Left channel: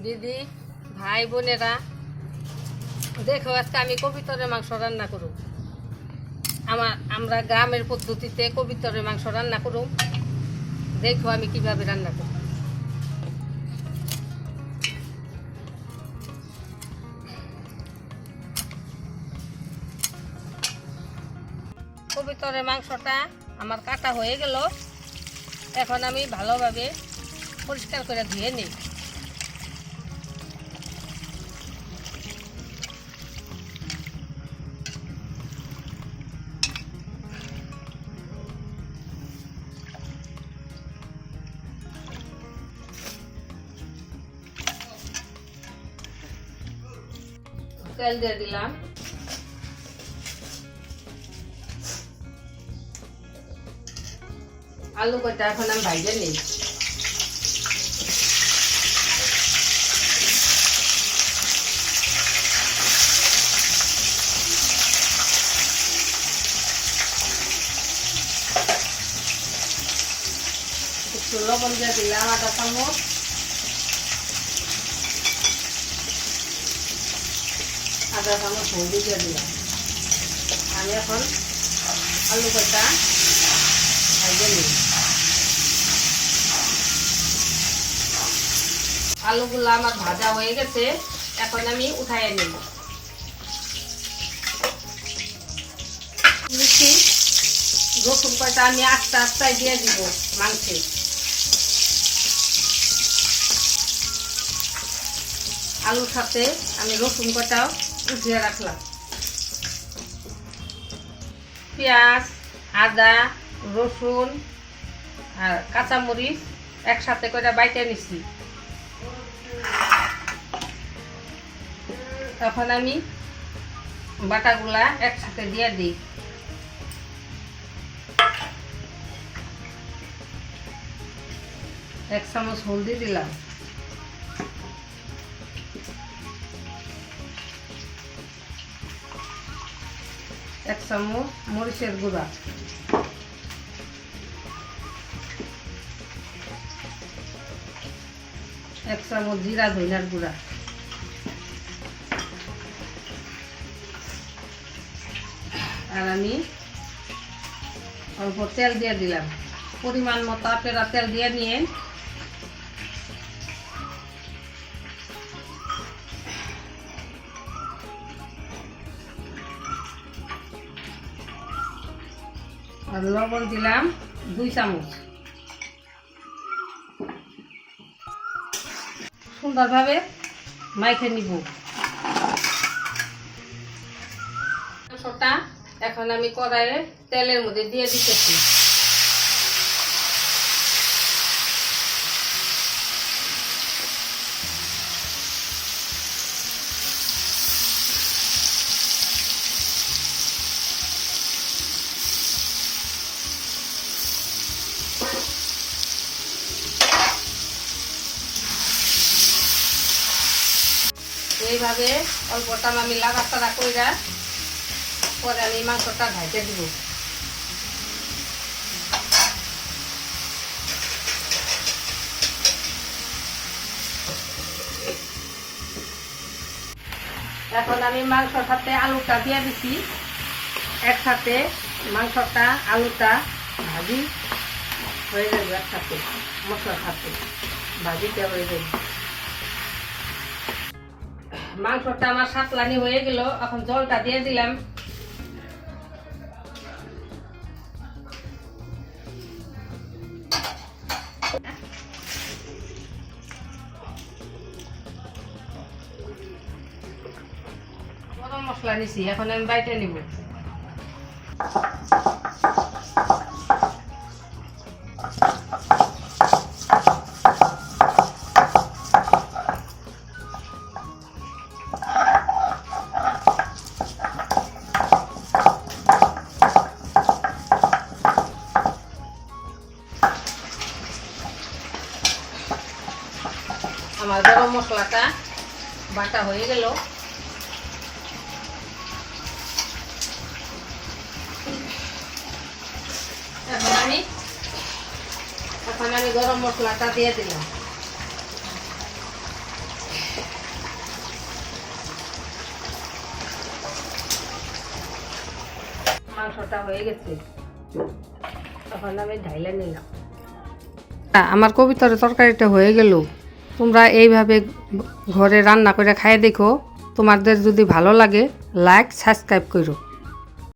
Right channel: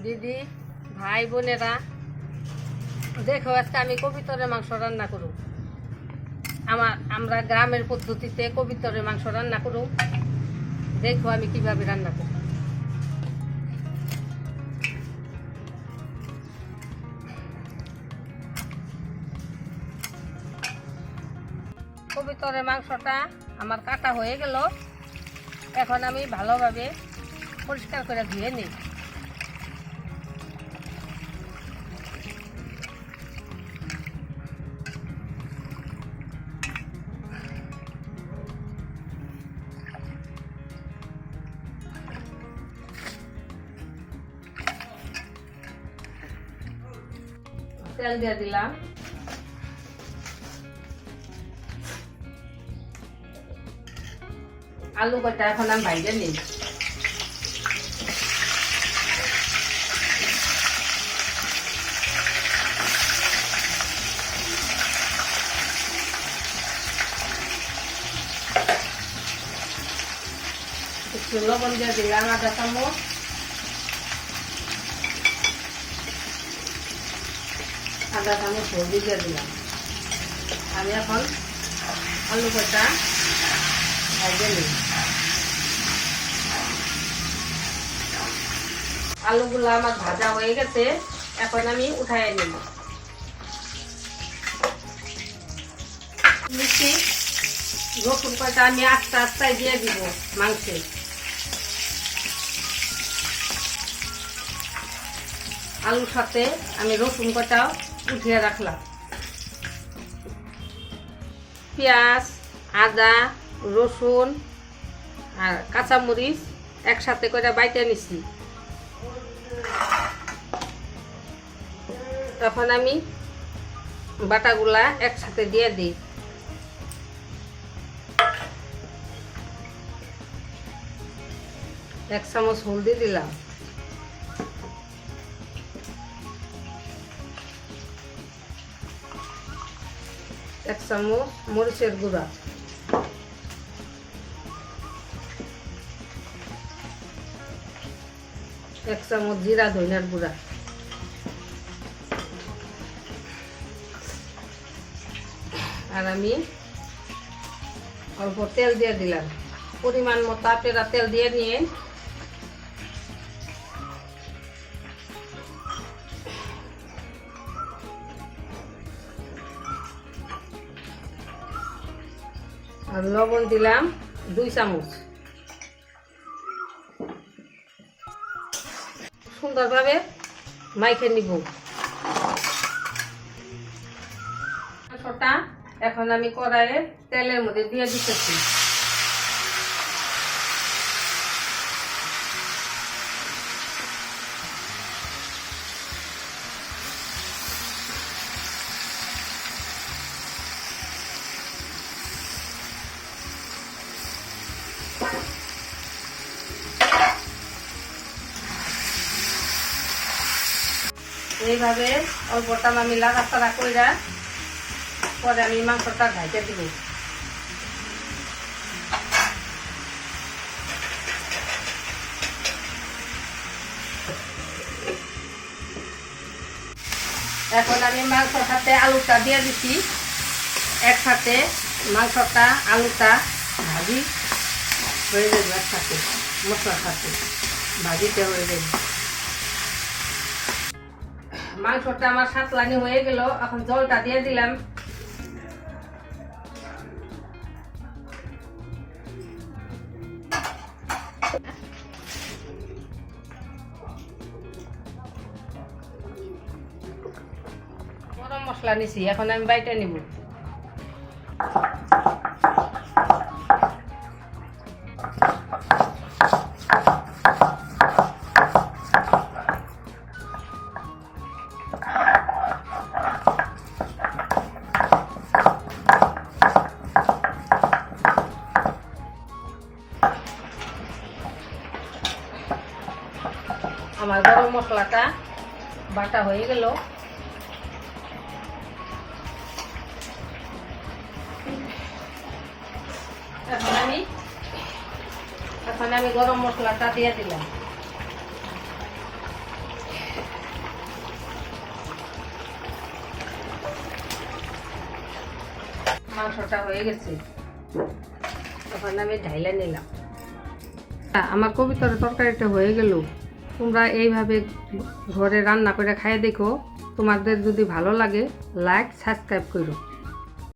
দিদি ভাই বোনেরা, দেখো আজকে আমি কবিতরের মাংস রান্না করব। আমরা গ্রামের পদ্ধতিতে কবিতরের মাংস রান্না করব। দেখো আমি কিভাবে রান্না করব। কবিতরের মাংসটা আমার কাটা হয়ে গেল। এখন আমি ভালোভাবে পরিষ্কার করে ধুয়ে নিই। তেল দিয়ে দিলাম। আলু কটা এখন আমি ভাইজে নিই। একটু লবণ দিয়ে দিলাম আধা চামচ। আধা চামচ হলদি দিয়ে দিলাম। আমি এখন আলু কটা ভাইজে নিই। আলুগুলো আমার ভাজা হয়ে গেছে, এখন আমি উঠাই নিব। রসুন কয়টা আমি আস্তে আস্তে দিয়ে দিব মাংসে। আলুর সাথে আমি রসুন কটাও উঠিয়ে রাখলাম। পেঁয়াজ, আদা, রসুন আর কাঁচামরিচ একসাথে করে বাইটে নিছি। তখন আমি বাটাগুলা একসাথে দিয়ে দিই। এক চামচ হলদি দিলাম। এক চামচ মরিচের গুঁড়া। এক চামচ জিরা ধনিয়ার গুঁড়া। আর আমি অল্প তেল দিয়ে দিলাম। পরিমাণ মতো আপনারা তেল দিয়ে নিয়ে আর লবণ দিলাম 2 চামচ। সুন্দরভাবে মাইখে নিব মাংসটা। এখন আমি কড়াইয়ে তেলের মধ্যে দিয়ে দিতেছি। এইভাবে অল্পটা আমি লাড়াচাড়া কইরা পরে আমি মাংসটা ঢাইতে দিব। এখন আমি মাংসর সাথে আলুটা দিয়ে দিচ্ছি। একসাথে মাংসটা আলুটা ভাজি হয়ে যাবে, একসাথে মশলার সাথে ভাজিতে হয়ে যাবে। মাংসটা আমার সাতলানি হয়ে গেল। এখন জলটা দিয়ে দিলাম। গরম মশলা নিছি, এখন আমি বাইটা নিব। আমার গরম মশলাটা বাটা হয়ে গেল। এখন আমি গরম মশলাটা দিয়ে দিলাম। মাংসটা হয়ে গেছে, তখন আমি ঢাইলা নিলাম। আমার কবিতার তরকারিটা হয়ে গেল। তোমরা এইভাবে ঘরে রান্না করে খাইয়ে দেখো। তোমাদের যদি ভালো লাগে লাইক সাবস্ক্রাইব করো।